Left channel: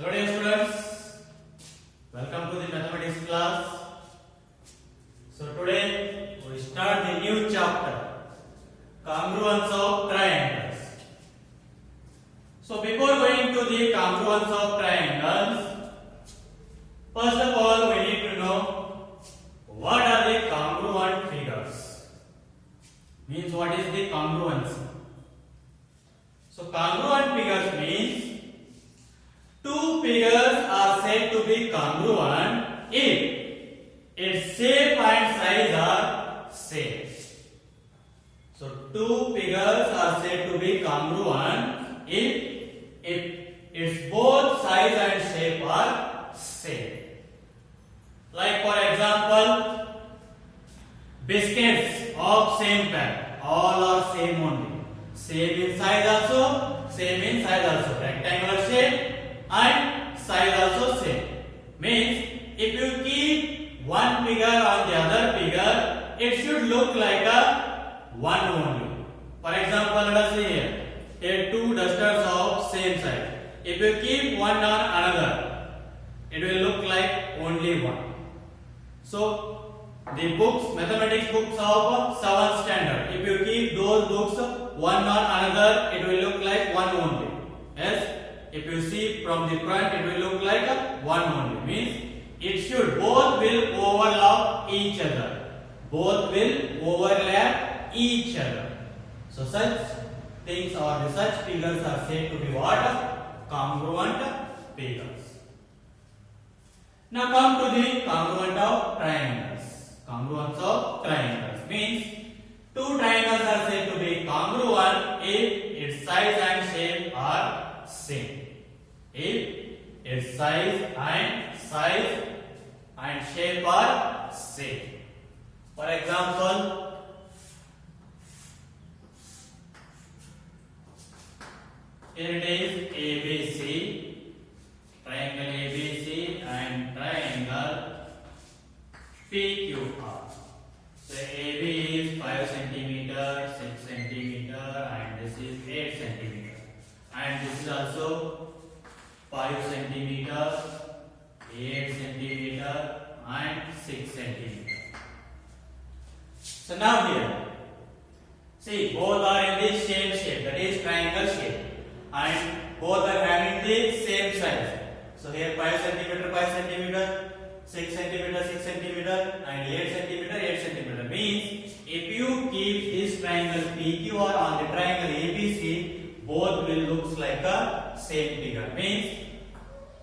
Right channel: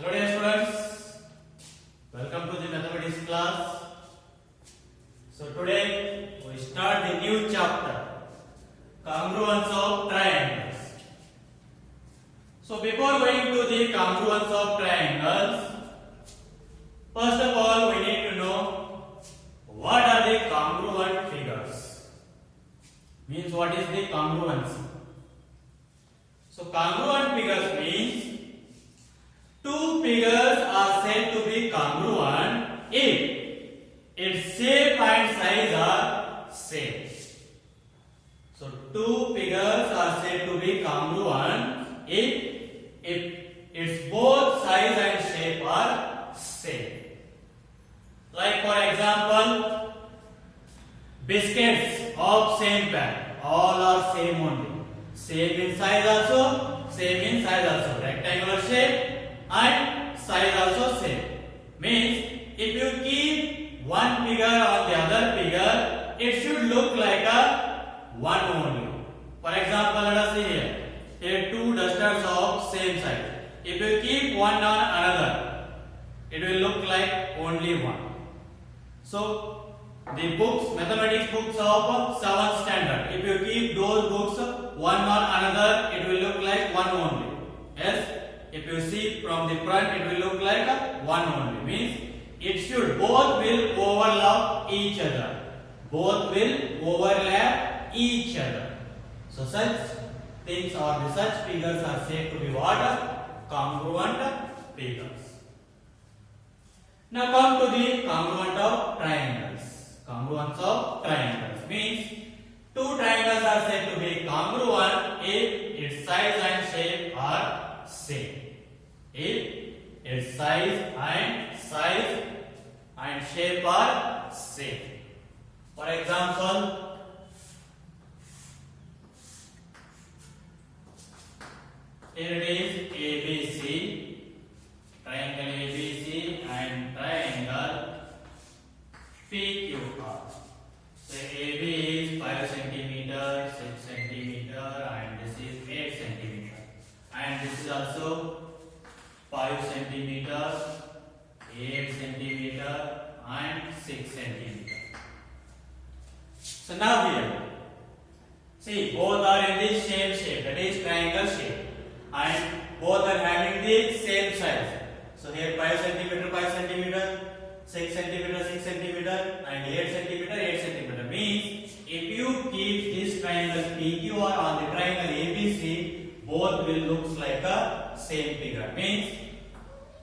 Hello dear students, welcome to the mathematics class. So today we start the new chapter, congruence of triangles. So before going to the congruence of triangles, first of all we need to know what are the congruent figures. Means what is the congruency? So congruent figures means two figures are said to be congruent if its shape and size are same. So two figures are said to be congruent if its both size and shape are same. Like for example, biscuits of same pack, all are same only. Same in size also, same in size also. Rectangular shape and size also same. Means if you keep one figure on the other figure, it should look like a one only. For example, let us see here. Take two dusters of same size. If you keep one on another, it will look like only one. So the books, mathematics books of 7th standard, if you keep those books one on another, it will look like one only. Yes. If you see from the front, it will look like a one only. Means it should both will overlap each other. Both will overlap each other. So such things or the such figures are said to be what? Congruent figures. Now come to the congruent of triangles. Congruence of triangles means two triangles are said to be congruent if its size and shape are same. If its size and shape are same. For example, here it is ABC, triangle ABC and triangle PQR. So AB is 5 centimeter, 6 centimeter, and this is 8 centimeter, and this is also 5 centimeter, 8 centimeter, and 6 centimeter. So now here, see both are in the same shape, that is triangle shape, and both are having the same size. So here 5 centimeter, 5 centimeter, 6 centimeter, 6 centimeter, and 8 centimeter, 8 centimeter. Means if you keep this triangle PQR on the triangle ABC, both will look like a same figure. Means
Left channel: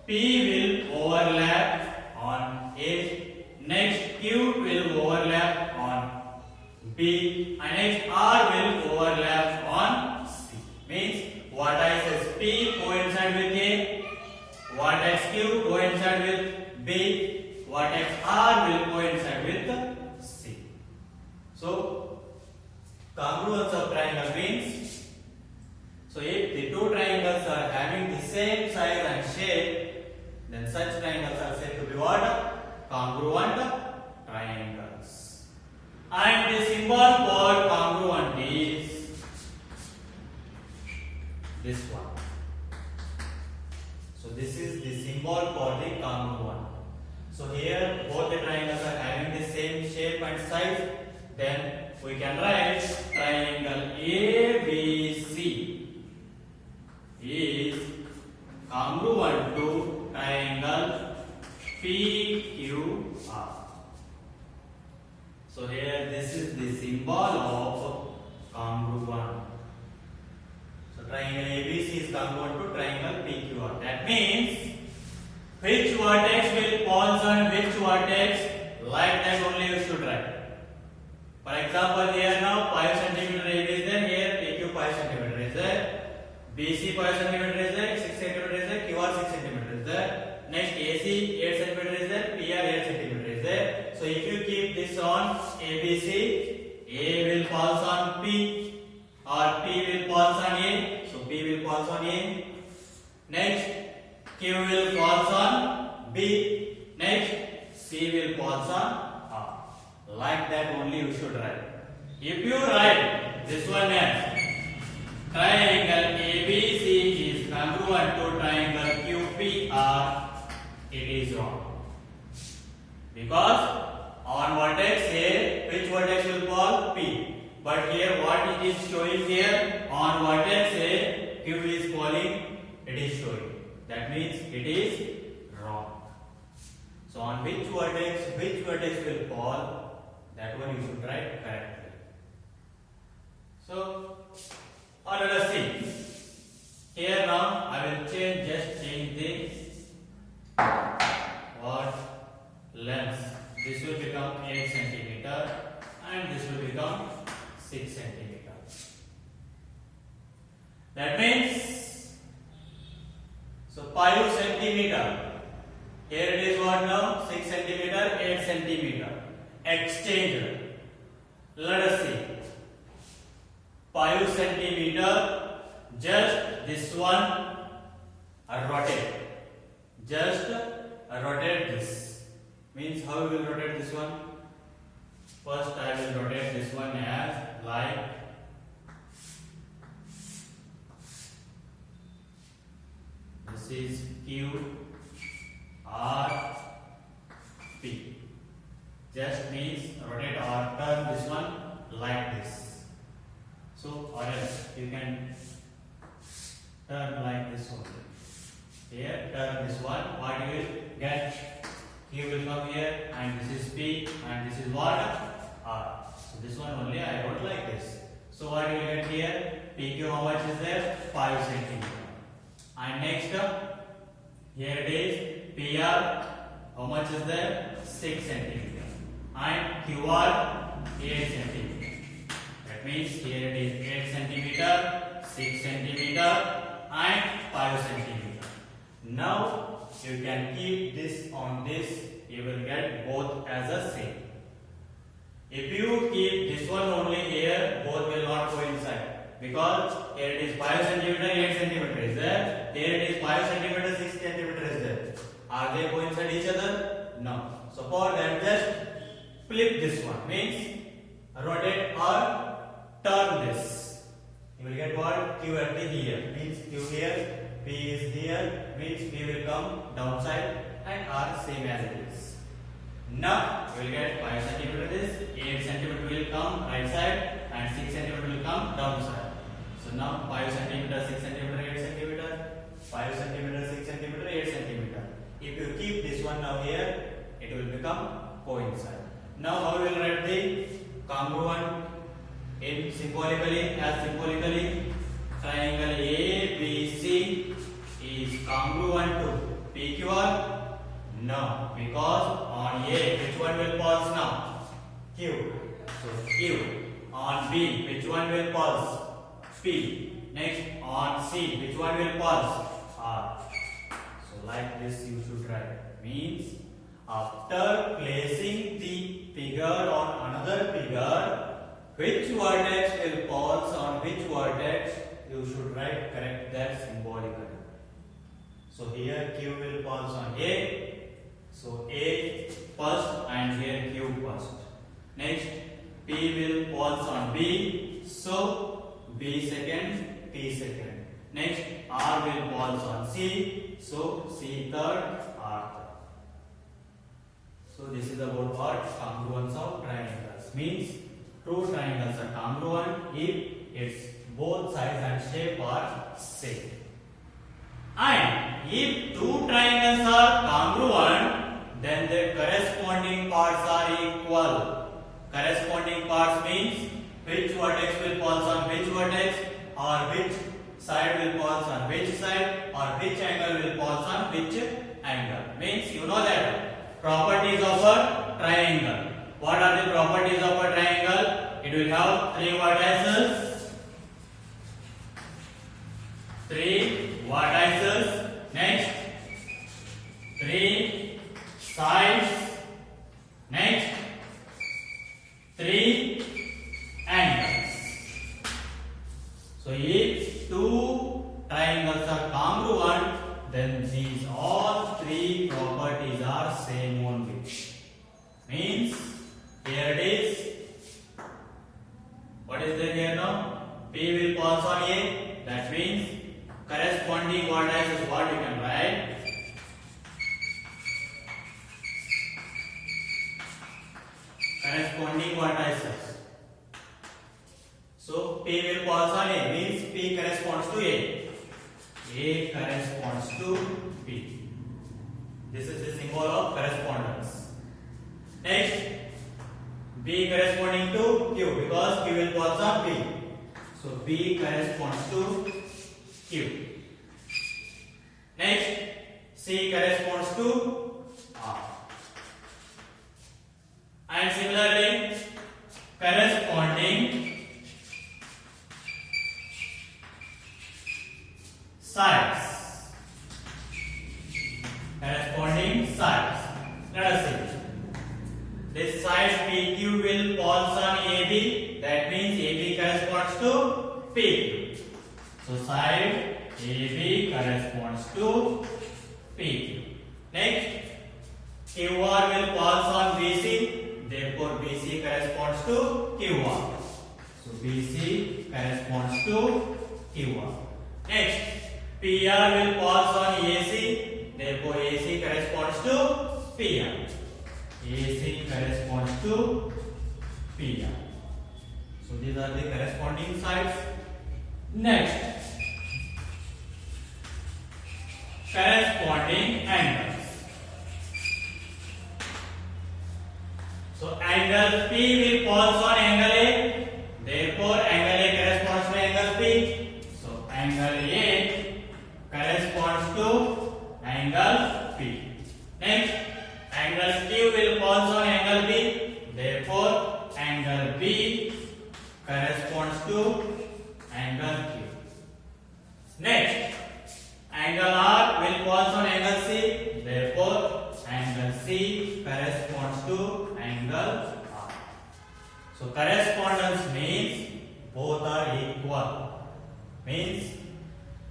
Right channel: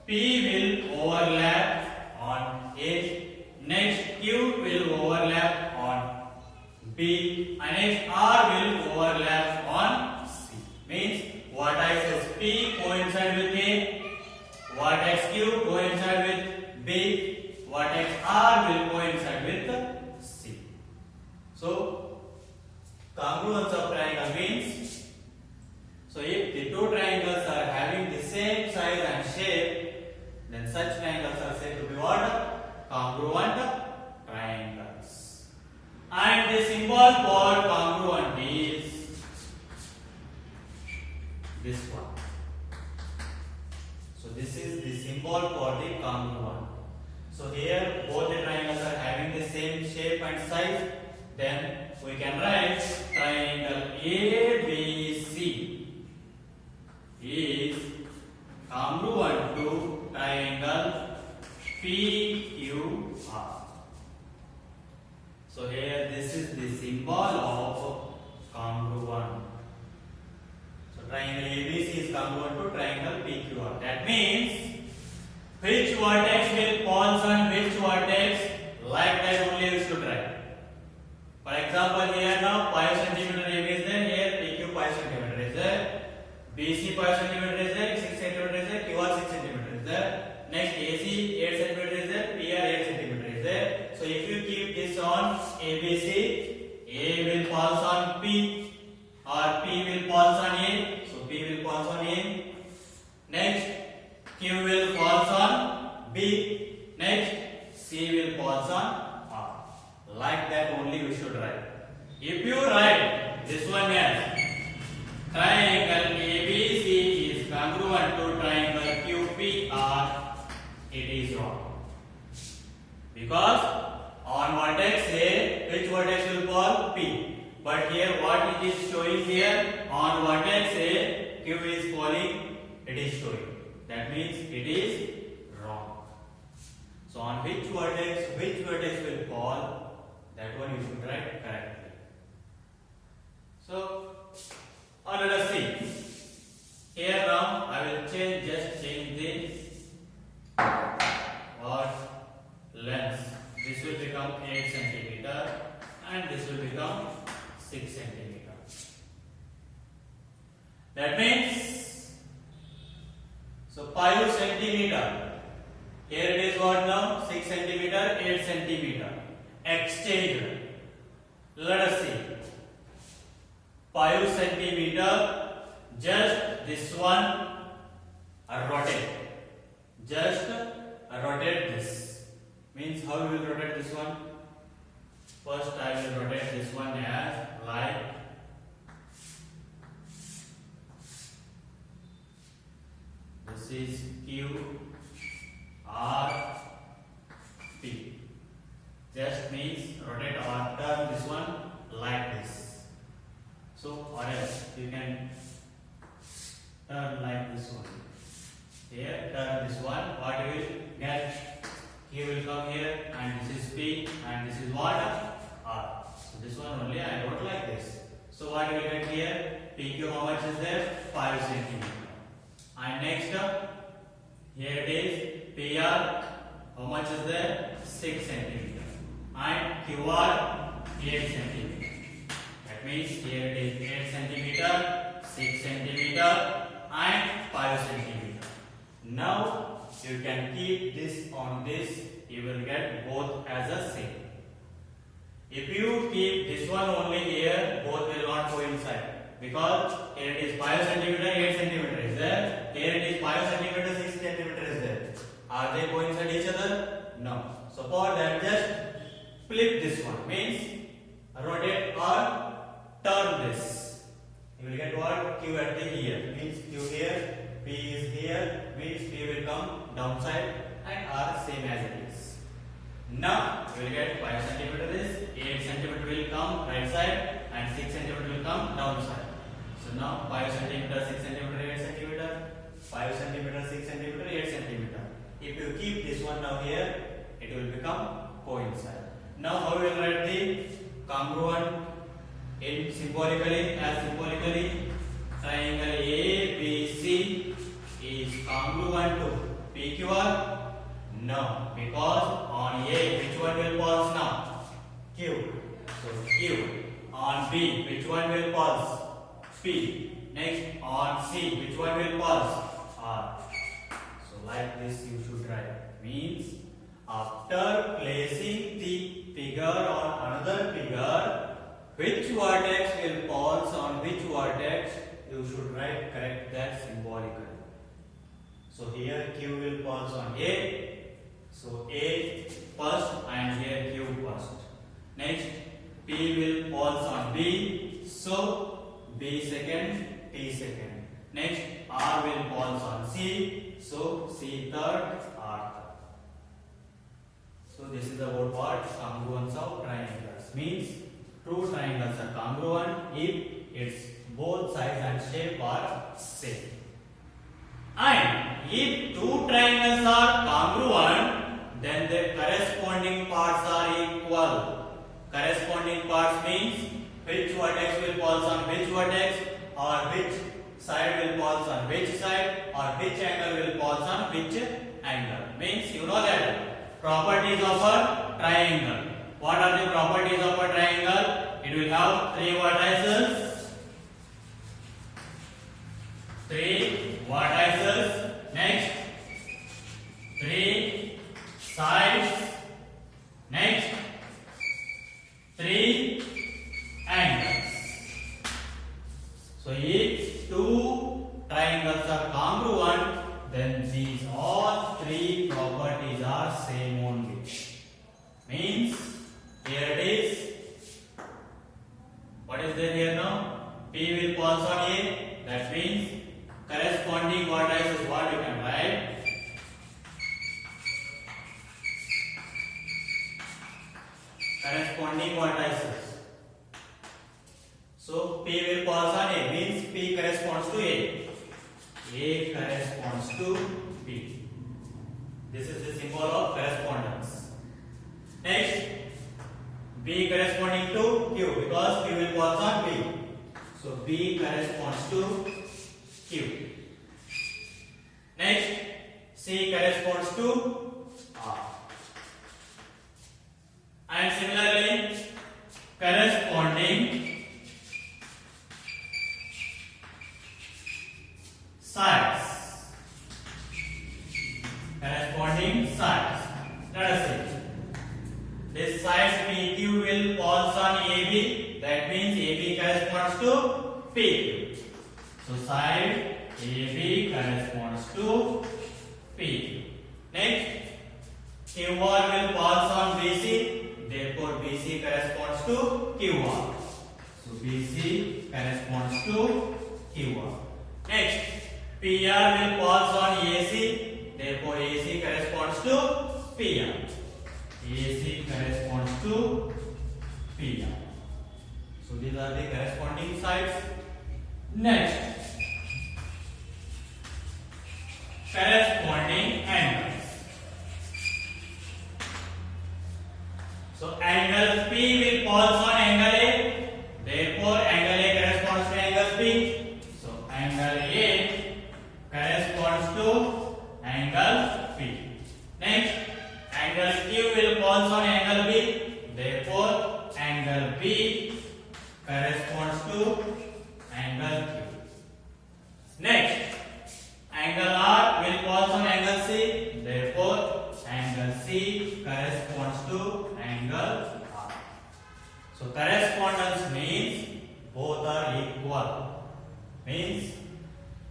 P will overlap on A, next Q will overlap on B, and next R will overlap on C. Means vertex is P coincide with A, vertex Q coincide with B, vertex R will coincide with C. So congruence of triangle means, so if the two triangles are having the same size and shape, then such triangles are said to be what? Congruent triangles. And the symbol for congruent is this one. So this is the symbol for the congruent. So here both the triangles are having the same shape and size, then we can write triangle ABC is congruent to triangle PQR. So here this is the symbol of congruent. So triangle ABC is congruent to triangle PQR. That means which vertex will fall on which vertex, like that only you should write. For example, here now 5 centimeter AB is there, here PQ 5 centimeter is there, BC 5 centimeter is there, 6 centimeter is there, QR 6 centimeter is there. Next AC 8 centimeter is there, PR 8 centimeter is there. So if you keep this on ABC, A will fall on P, or P will fall on A. So P will fall on A. Next Q will fall on B. Next C will fall on R. Like that only you should write. If you write this one as triangle ABC is congruent to triangle QPR, is wrong. Because on vertex A, which vertex will fall? P. But here what it is showing here? On vertex A, Q is falling, it is showing. That means it is wrong. So on which vertex will fall? That one you should write correctly. So let us see. Here now I will just change the length. This will become 8 centimeter and this will become 6 centimeter. That means, so 5 centimeter. Here it is what now? 6 centimeter, 8 centimeter. Exchanged. Let us see. 5 centimeter. Just this one rotate. Just rotate this. Means how we will rotate this one? First I will rotate this one as like this is Q R P. Just means rotate or turn this one like this. So or else you can turn like this one. Here turn this one. What you will get? Q will come here and this is P and this is what? R. So this one only I wrote like this. So what you will get here? PQ how much is there? 5 centimeter. And next here it is PR how much is there? 6 centimeter. And QR 8 centimeter. That means here it is 8 centimeter, 6 centimeter and 5 centimeter. Now you can keep this on this, you will get both as a same. If you keep this one only here, both will not coincide. Because here it is 5 centimeter, 8 centimeter is there. Here it is 5 centimeter, 6 centimeter is there. Are they coincide each other? No. So for that just flip this one. Means rotate or turn this. You will get what? Q at the here. Means Q here. P is here, means P will come downside and R same as it is. Now you will get 5 centimeter is 8 centimeter will come right side and 6 centimeter will come downside. So now 5 centimeter, 6 centimeter, 8 centimeter, 5 centimeter, 6 centimeter, 8 centimeter. If you keep this one now here, it will become coincide. Now how you will write the congruent in symbolically? Triangle ABC is congruent to PQR? No, because on A, which one will pulse now? Q. So Q. On B, which one will pulse? P. Next, on C, which one will pulse? R. So like this you should write. Means after placing the figure on another figure, which vertex will pulse on which vertex, you should write correct that symbolically. So here Q will pulse on A. So A first and here Q first. Next P will pulse on B. So B second, P second. Next R will pulse on C. So C third, R third. So this is about what? Congruence of triangles. Means two triangles are congruent if its both sides and shape are same. And if two triangles are congruent, then their corresponding parts are equal. Corresponding parts means which vertex will pulse on which vertex, or which side will pulse on which side, or which angle will pulse on which angle. Means you know that properties of a triangle. What are the properties of a triangle? It will have three vertices. Next, three sides. Next, three angles. So if two triangles are congruent, then these all three properties are same only. Means here it is. What is there here now? P will pulse on A. That means corresponding vertex is what we can write. corresponding vertices. So P will falls on A, means P corresponds to A. A corresponds to B. This is the symbol of correspondence. Next, B corresponding to Q, because Q will falls on B. So B corresponds to Q. Next, C corresponds to R. And similarly, corresponding sides. Corresponding sides. Let us see. This side PQ will falls on AB. That means AB corresponds to PQ. So side AB corresponds to PQ. Next, QR will falls on BC. Therefore, BC corresponds to QR. So BC corresponds to QR. Next, PR will falls on AC. Therefore, AC corresponds to PR. AC corresponds to PR. So these are the corresponding sides. Next, corresponding angles. So angle P will falls on angle A. Therefore, angle A corresponds to angle P. So angle A corresponds to angle P. Next, angle Q will falls on angle B. Therefore, angle B corresponds to angle Q. Next, angle R will falls on angle C. Therefore, angle C corresponds to angle R. So correspondence means both are equal. Means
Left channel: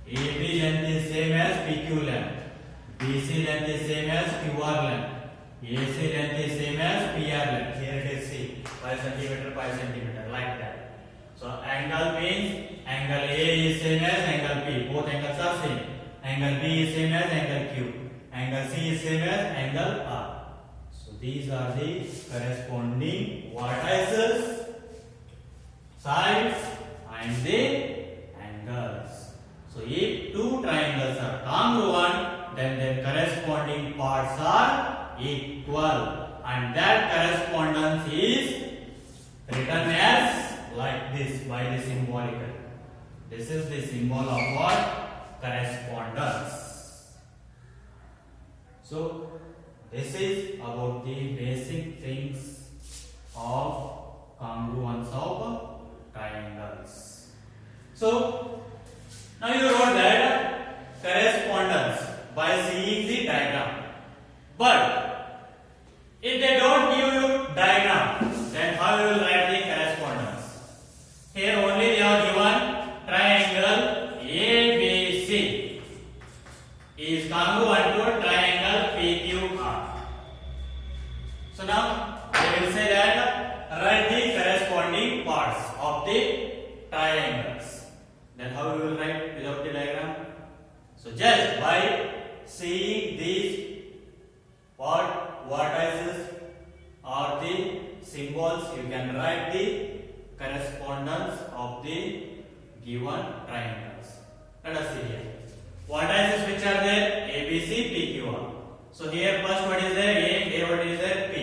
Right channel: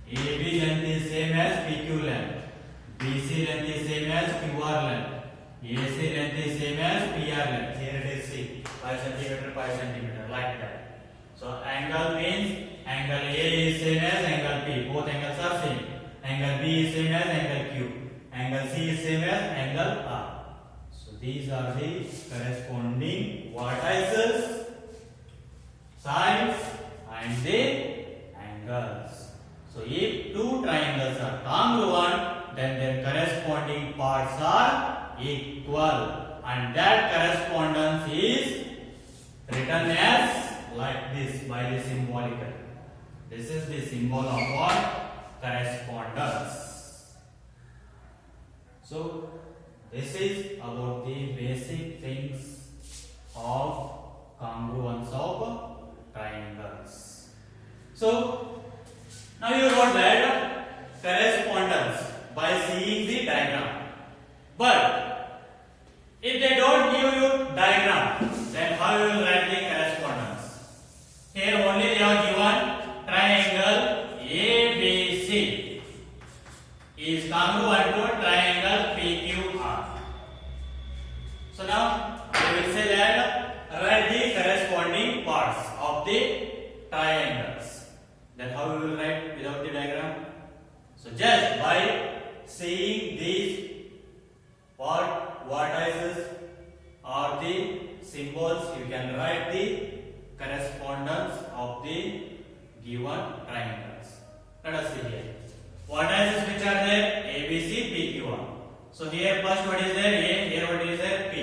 AB length is same as PQ length. BC length is same as QR length. AC length is same as PR length. Here it is C, 5 cm, 5 cm, like that. So angle means angle A is same as angle P. Both angles are same. Angle B is same as angle Q. Angle C is same as angle R. So these are the corresponding vertices, sides, and the angles. So if two triangles are congruent, then their corresponding parts are equal, and that correspondence is written as like this by the symbolical. This is the symbol of what? Correspondence. So this is about the basic things of congruence of triangles. So now you wrote that correspondence by seeing the diagram. But if they don't give you diagram, then how you will write the correspondence? Here only they are given triangle ABC is congruent to triangle PQR. So now they will say that write the corresponding parts of the triangles. Then how you will write without the diagram? So just by seeing these vertices or the symbols, you can write the correspondence of the given triangles. Let us see here. Vertices which are there? A, B, C, P, Q, R. So here first what is there? A what is there? P.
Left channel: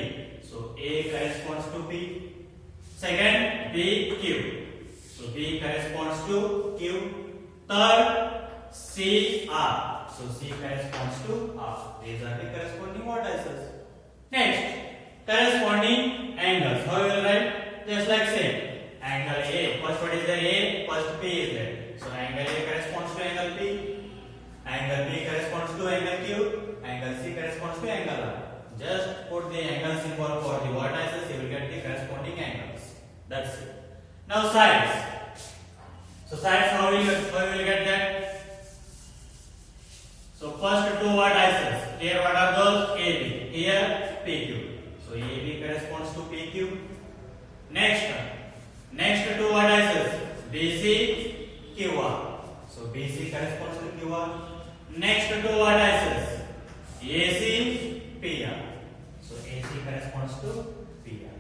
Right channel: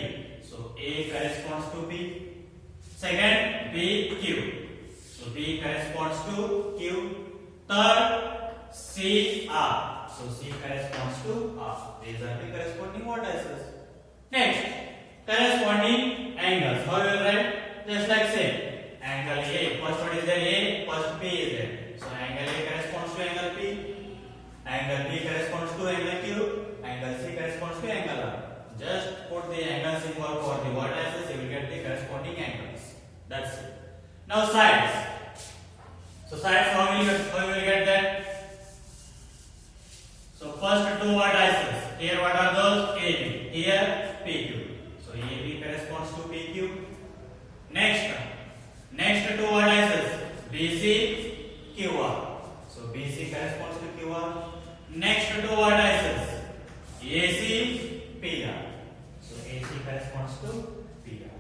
So A corresponds to P. Second, B, Q. So B corresponds to Q. Third, C, R. So C corresponds to R. These are the corresponding vertices. Next, corresponding angles. How you will write? Just like same. Angle A. First what is there? A. First P is there. So angle A corresponds to angle P. Angle B corresponds to angle Q. Angle C corresponds to angle R. Just put the angle symbol for the vertices. You will get the corresponding angles. That's it. Now sides. So sides, how will you get that? So first two vertices. Here what are those? AB. Here PQ. So AB corresponds to PQ. Next two vertices. BC, QR. So BC corresponds to QR. Next two vertices. AC, PR. So AC corresponds to PR.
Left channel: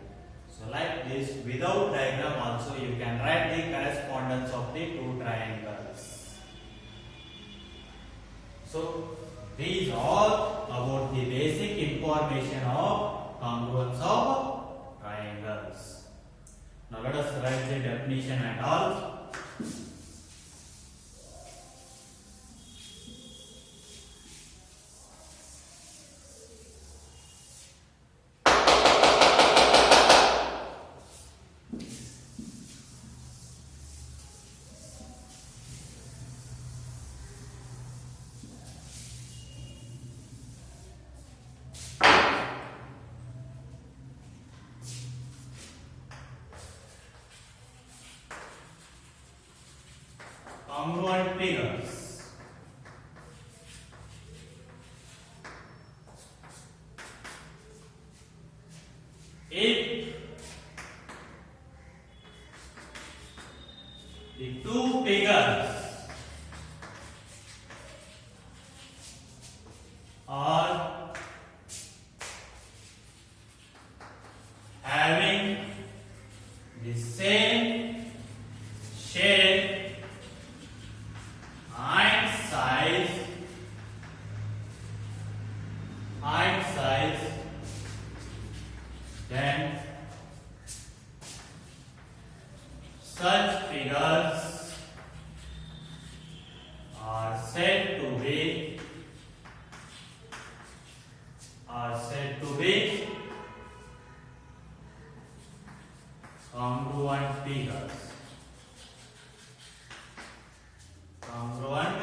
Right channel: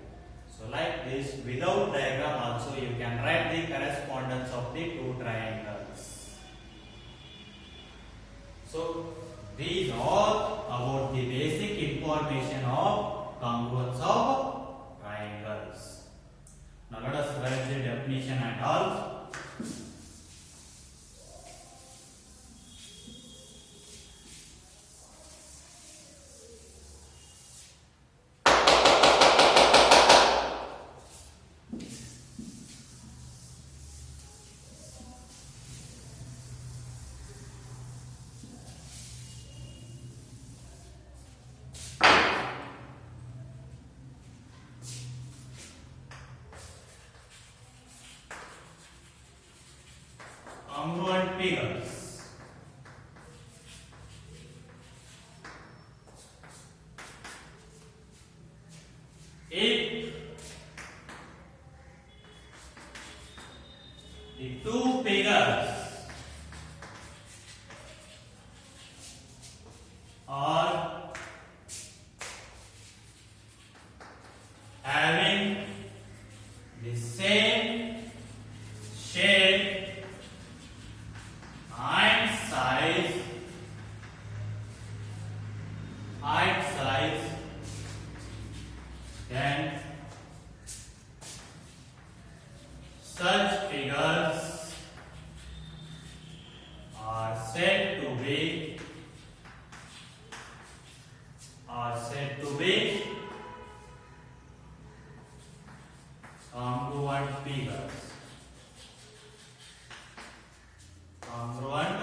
So So like this, without diagram also you can write the correspondence of the two triangles. So these are about the basic information of congruence of triangles. Now let us write the definition and all. Congruent figures. If the two figures are having the same shape and size, then such figures are said to be congruent figures. Congruent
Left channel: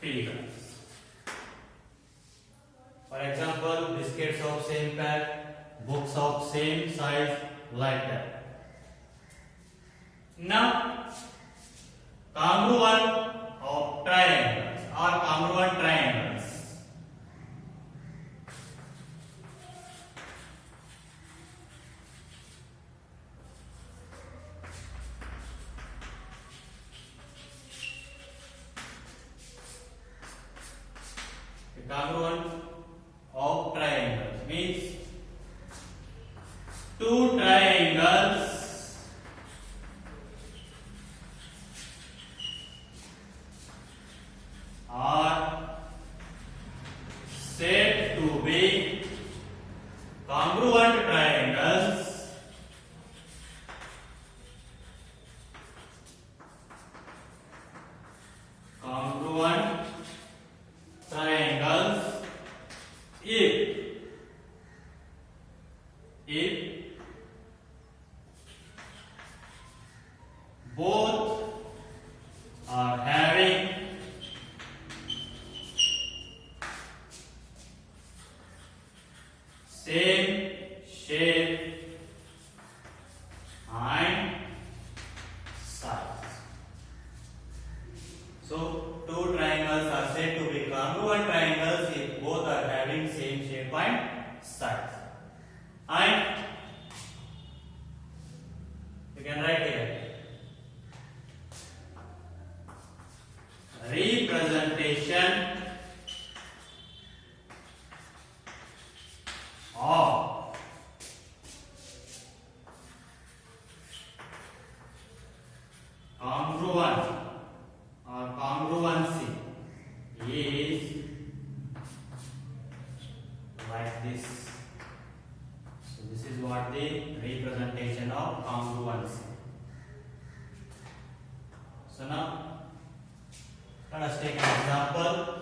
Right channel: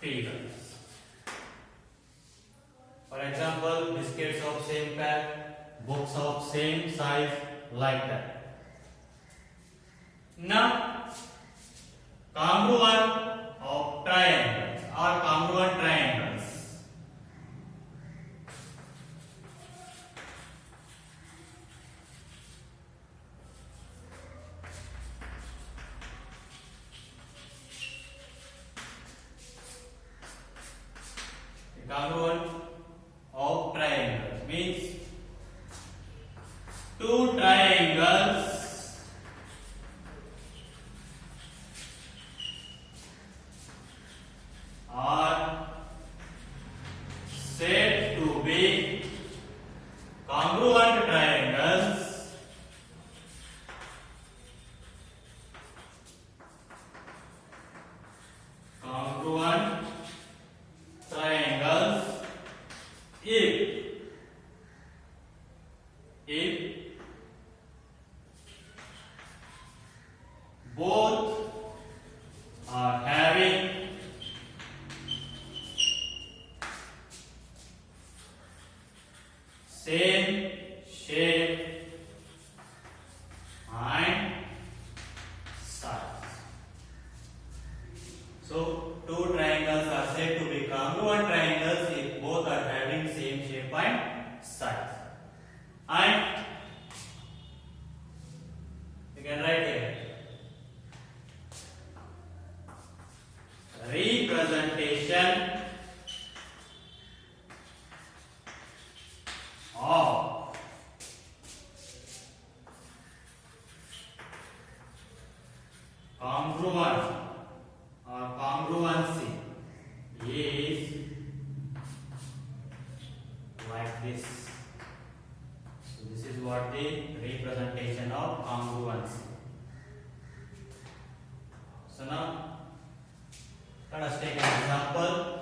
figures. For example, biscuits of same pack, books of same size, like that. Now, congruent of triangles or congruent triangles. Congruent of triangles means two triangles are said to be congruent triangles if both are having same shape and size. So two triangles are said to be congruent triangles if both are having same shape and size. And you can write here representation of congruent or congruency is like this. So this is what the representation of congruency. So now let us take an example.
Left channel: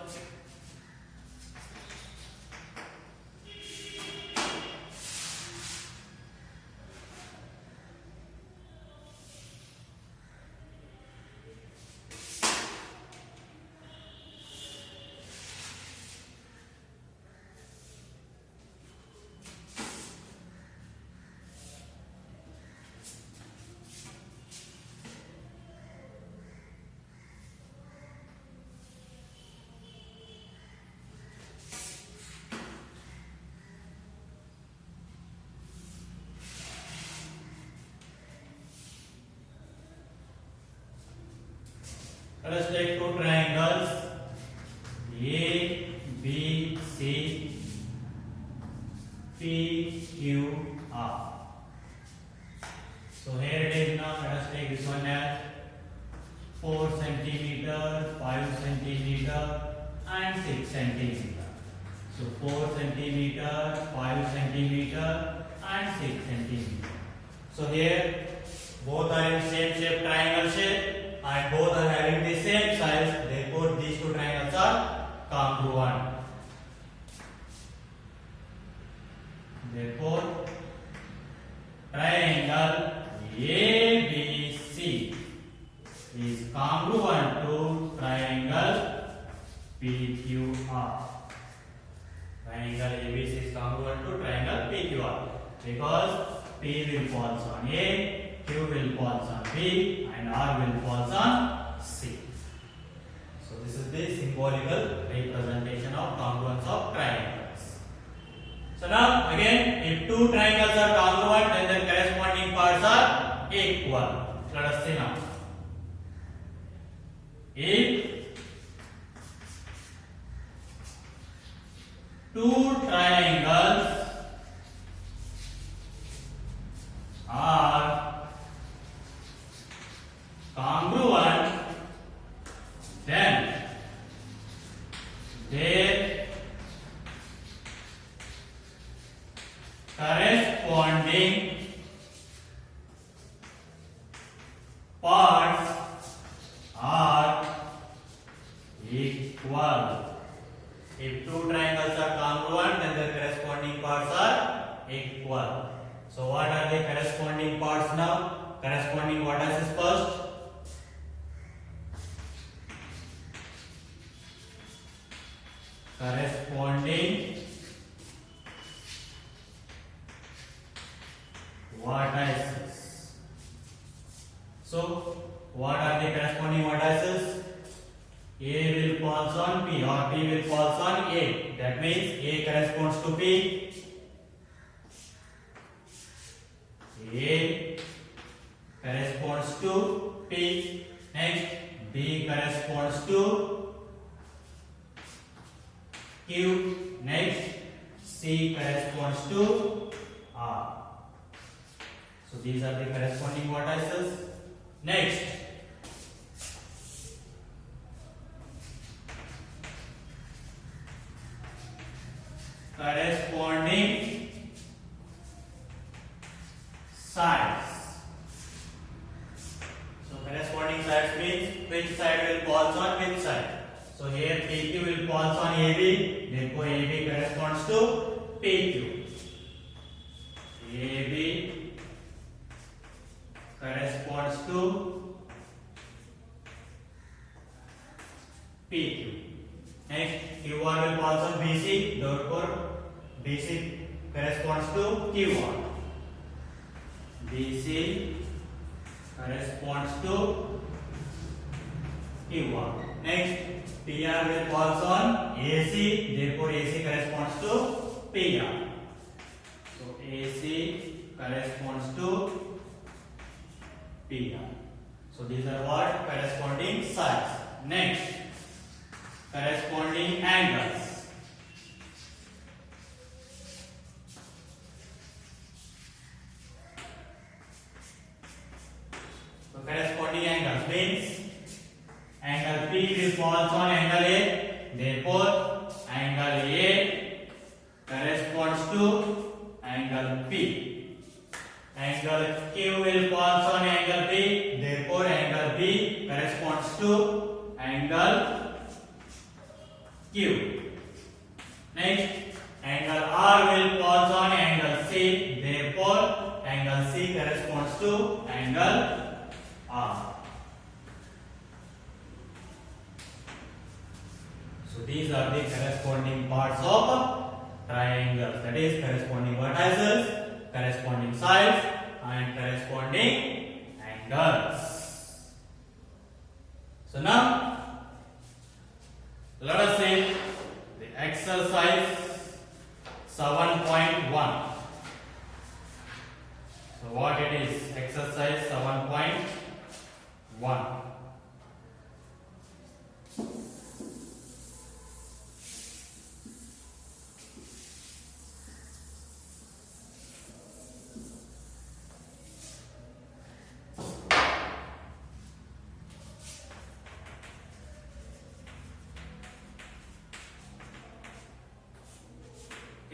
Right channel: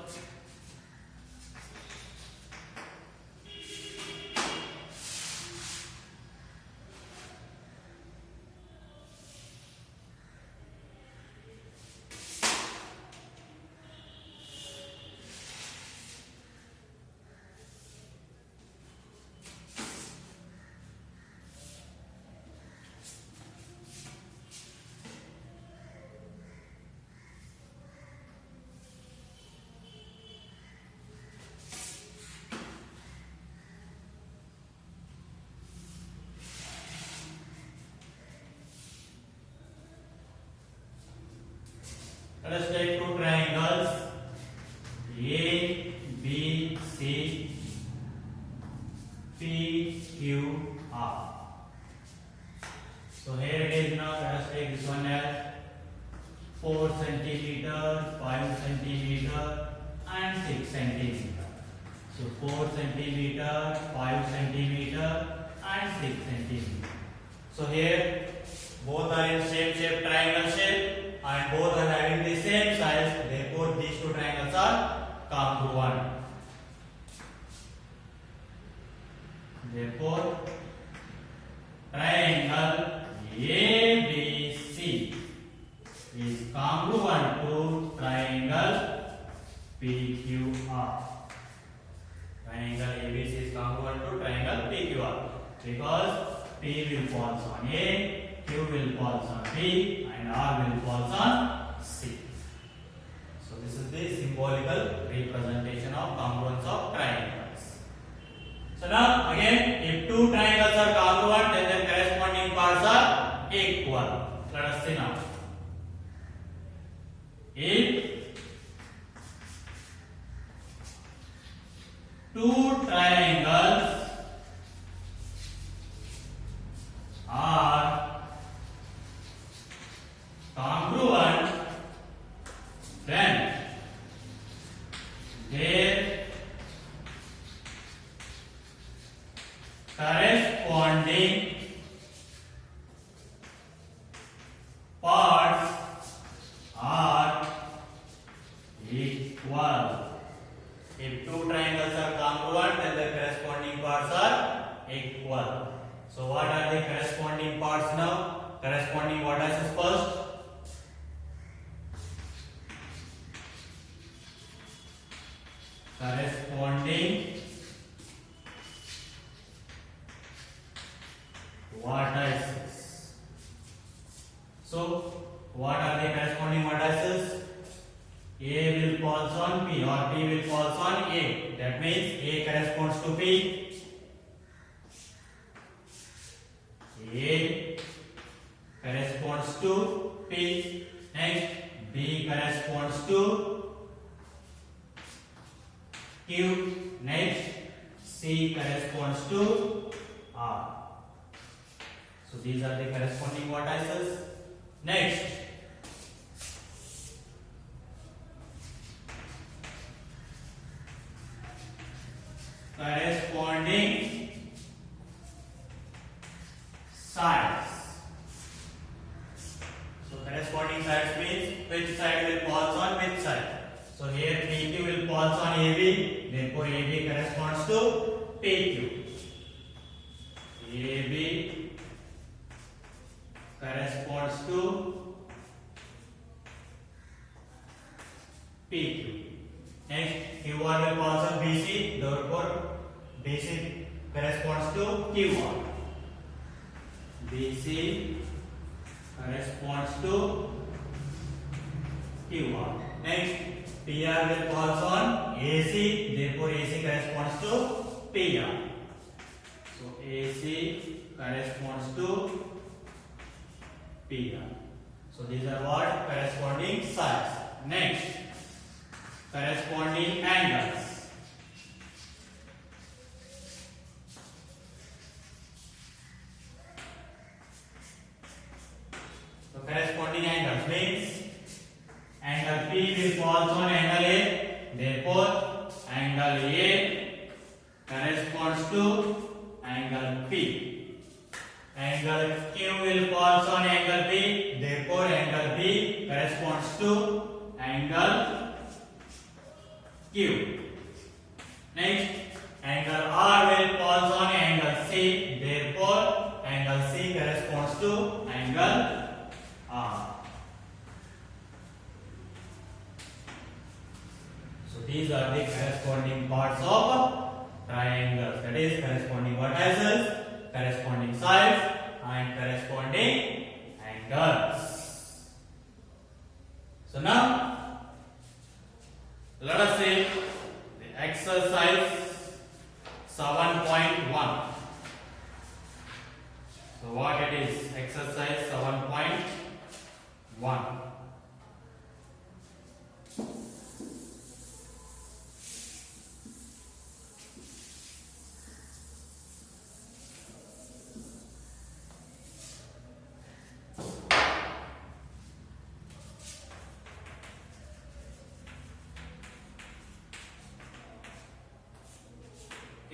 Let us take two triangles A, B, C, P, Q, 4 centimeter, 5 centimeter, and 6 centimeter. So 4 centimeter, 5 centimeter, and 6 centimeter. So here both are in same shape, triangle shape, and both are having the same size. Therefore, these two triangles are congruent. Therefore, triangle ABC is congruent to triangle PQR. Triangle ABC is congruent to triangle PQR because P will falls on A, Q will falls on B, and R will falls on C. So this is the symbolical representation of congruence of triangles. So now again, if two triangles are congruent, then their corresponding parts are equal. Let us see now. If two triangles are congruent, then their corresponding parts are equal. If two triangles are congruent, then their corresponding parts are equal. So what are the corresponding parts now? Corresponding vertices first. Corresponding vertices. So what are the corresponding vertices? A will falls on P or P will falls on A. That means A corresponds to P. A corresponds to P. Next, B corresponds to Q. Next, C corresponds to R. So these are the corresponding vertices. Next, corresponding sides. So corresponding sides means which side will falls on which side. So here PQ will falls on AB, therefore AB corresponds to PQ. AB corresponds to PQ. Next, QR will falls on BC, therefore BC corresponds to QR. BC corresponds to QR. Next, PR will falls on AC, therefore AC corresponds to PR. So AC corresponds to PR. So these are what? Corresponding sides. Next, corresponding angles. So corresponding angles means angle P will falls on angle A, therefore angle A corresponds to angle P. Angle Q will falls on angle B, therefore angle B corresponds to angle Q. Next, angle R will falls on angle C, therefore angle C corresponds to angle R. So these are the corresponding parts of triangles, that is corresponding vertices, corresponding sides, and corresponding angles. So now let us see the exercise 7.1. So what it is? Exercise 7.1.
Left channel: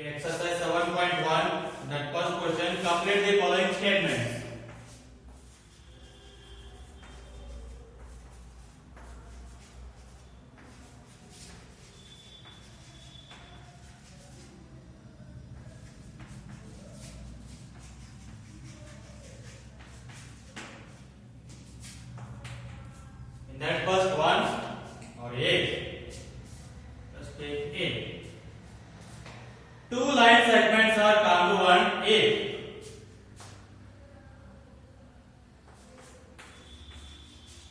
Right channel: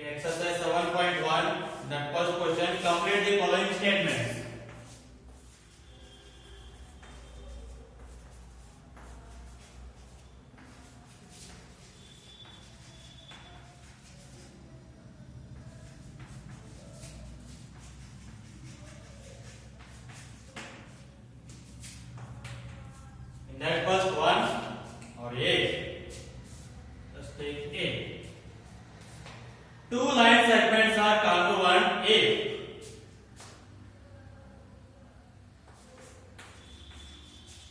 Exercise 7.1. That first question. Complete the following statements. In that first one or A, let's take A. Two line segments are congruent if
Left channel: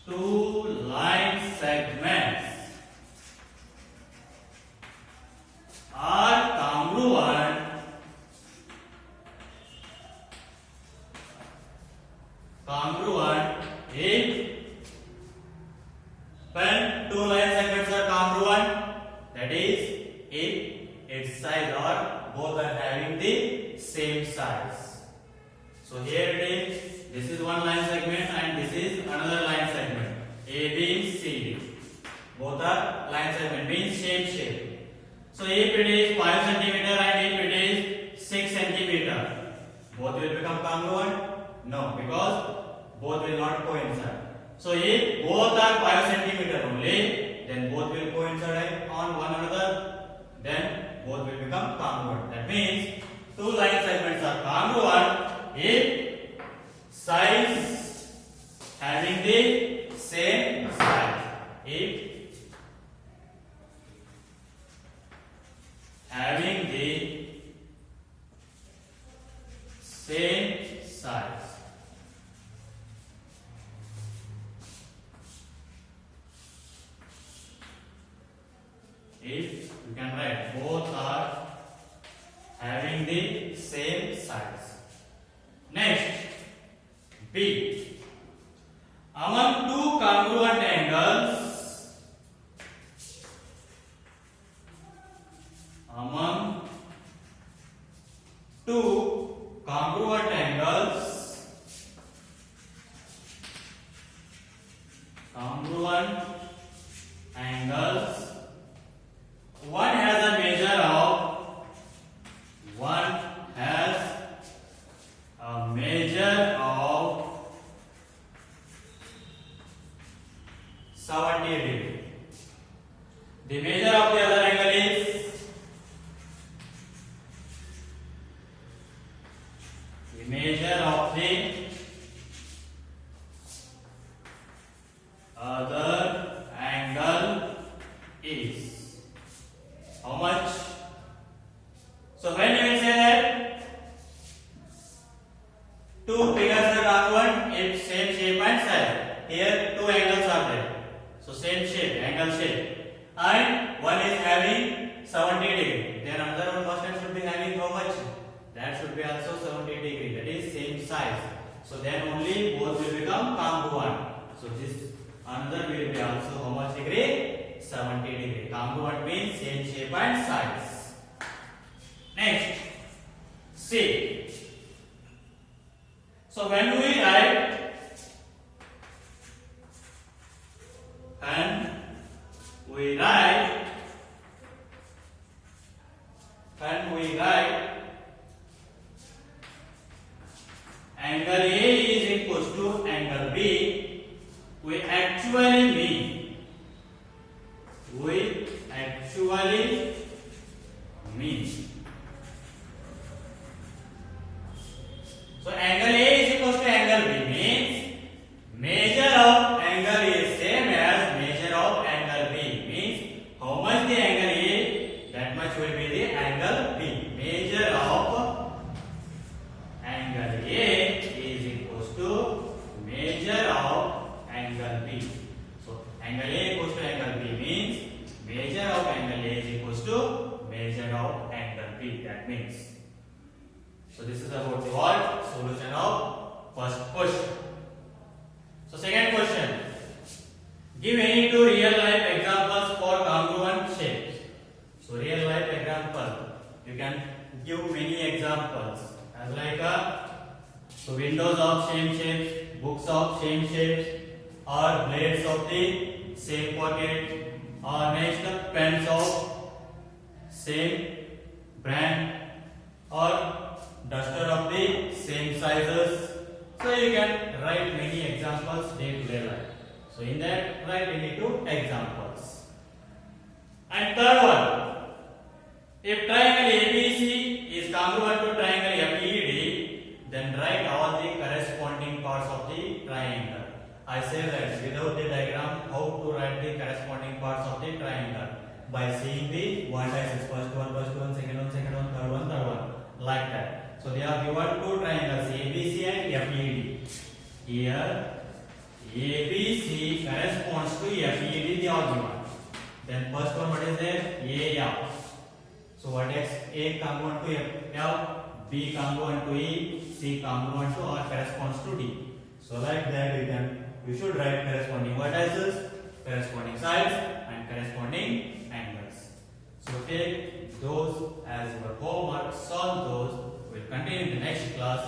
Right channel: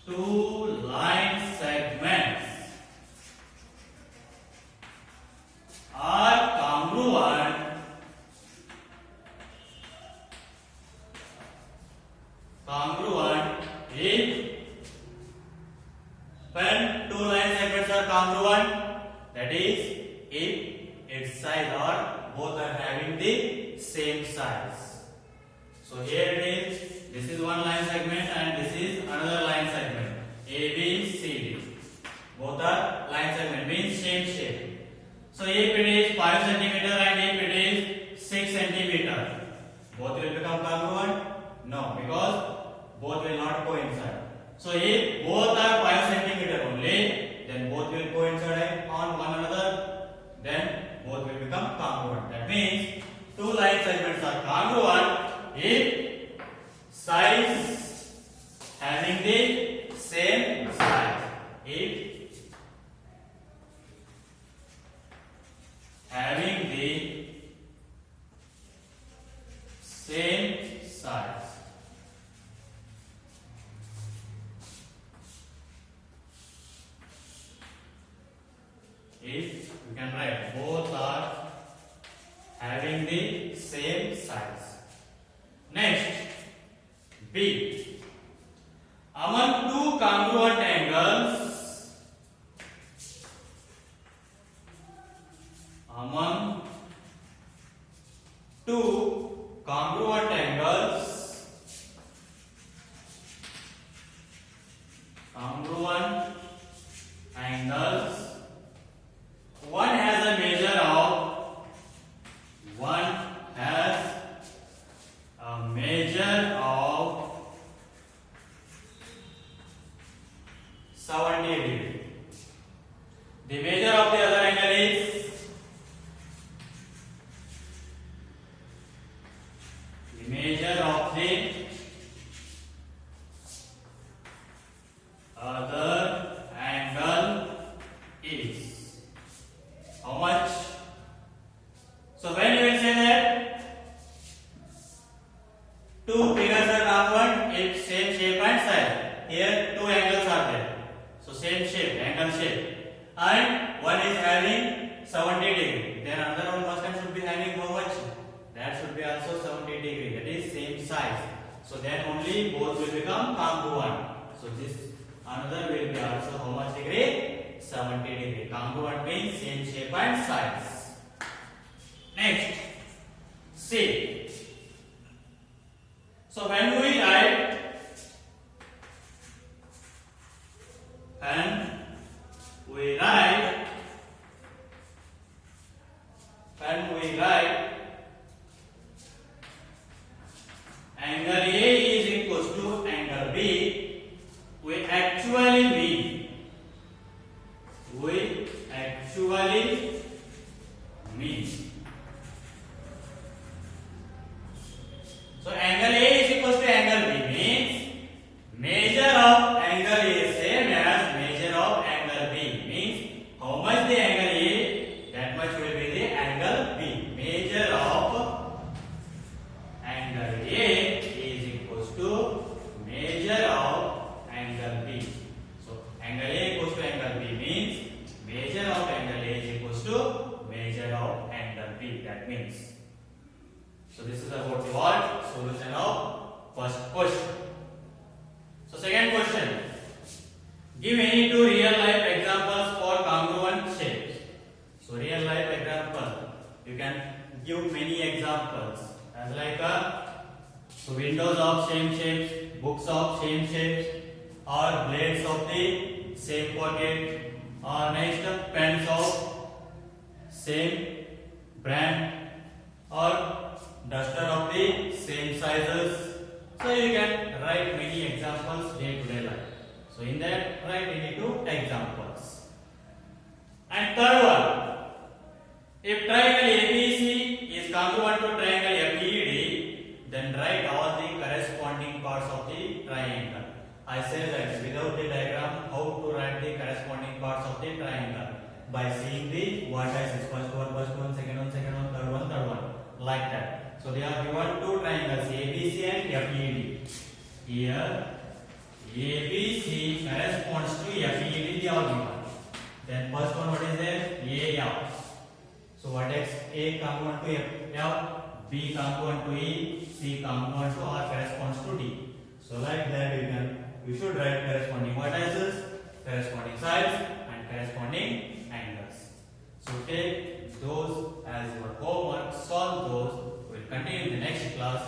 two line segments are congruent if when two line segments are congruent, that is if its size or both are having the same size. So here it is, this is one line segment and this is another line segment, A, B, C, D. Both are line segment, means same shape. So if it is 5 cm and if it is 6 cm, both will become congruent? No, because both will not coincide. So if both are 5 cm only, then both will coincide on one another, then both will become congruent. That means two line segments are congruent if size having the same size. If having the same size. If you can write both are having the same size. Next, B. Among two congruent angles, among two congruent angles, one has a measure of 70 degree. The measure of the other angle is how much? So when you will say that two figures are congruent if same shape and size. Here two angles are there. So same shape, angle shape. And one is having 70 degree. Then another one first time should be having how much? That should be also 70 degree. That is same size. So then only both will become congruent. So this another will be also how much degree? 70 degree. Congruent means same shape and size. Next, C. So when we write angle A is equals to angle B, we actually mean so angle A is equals to angle B means measure of angle A same as measure of angle B, means how much the angle A, that much will be the angle B. Measure of angle A is equals to measure of angle B. So angle A equals to angle B means measure of angle A is equals to measure of angle B. That means. So this is about the what? Solution of first question. So second question. Give any two real life examples for congruent shapes. So real life example. You can give many examples. As like so windows of same shapes, books of same shapes, or blades of the same pocket, or next pens of same brand, or duster of the same sizes. So you can write many examples day to day life. So in that, write any two examples. And third one, if triangle ABC is congruent to triangle FED, then write all the corresponding parts of the triangle. I say that without the diagram, how to write the corresponding parts of the triangle? By seeing the one axis, first one, second one, third one, like that. So they are given two triangles, ABC and FED. Here, ABC corresponds to FED, they are given. Then first one, what is there? AF. So what is A congruent to F, B congruent to E, C congruent to or corresponds to D. So like that you should write corresponding vertices, corresponding sides and corresponding angles. So take those as your homework, solve those. We will continue in the next class.